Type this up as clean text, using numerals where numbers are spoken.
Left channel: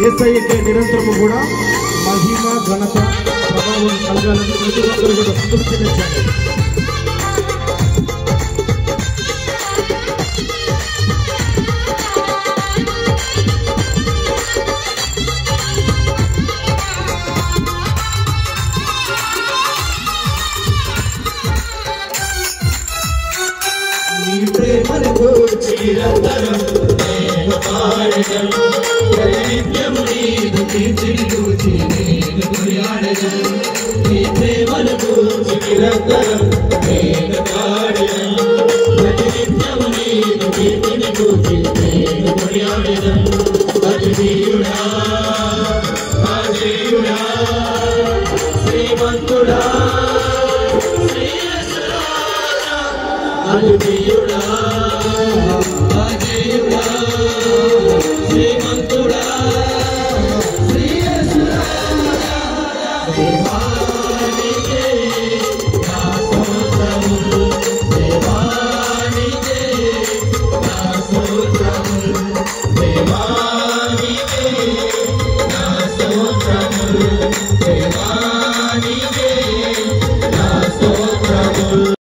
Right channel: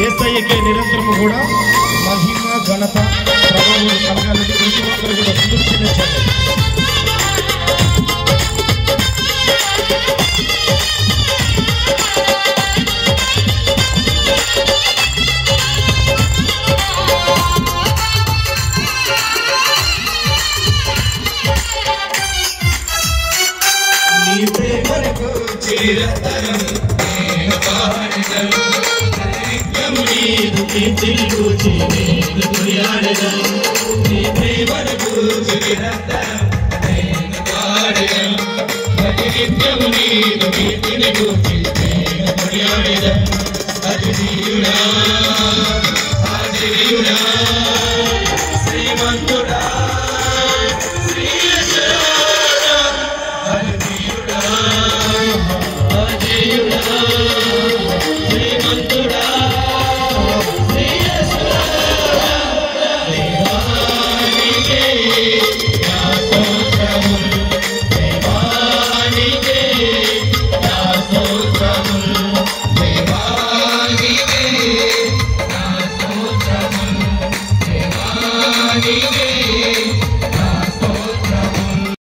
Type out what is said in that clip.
యేసయ్యకే నిరంతరము కూడా మహిమ ఘనత ప్రభావం కలగాలని ప్రతి ఒక్కరు కూడా స్తుతి చెల్లించాలి. నీ ప్రేమకు చిరంతరం నేను పాడెదను, నిత్యము నీవు కీర్తించుచు నేను కొనియాడెదను. నీ ప్రేమకు చిరంతరం నేను పాడెదను, నిత్యము నీవు కీర్తించుచు నేను కొనియాడెదను. అతిథియుడా ఆశ్చర్యుడా శ్రీమంతుడా Hallelujah.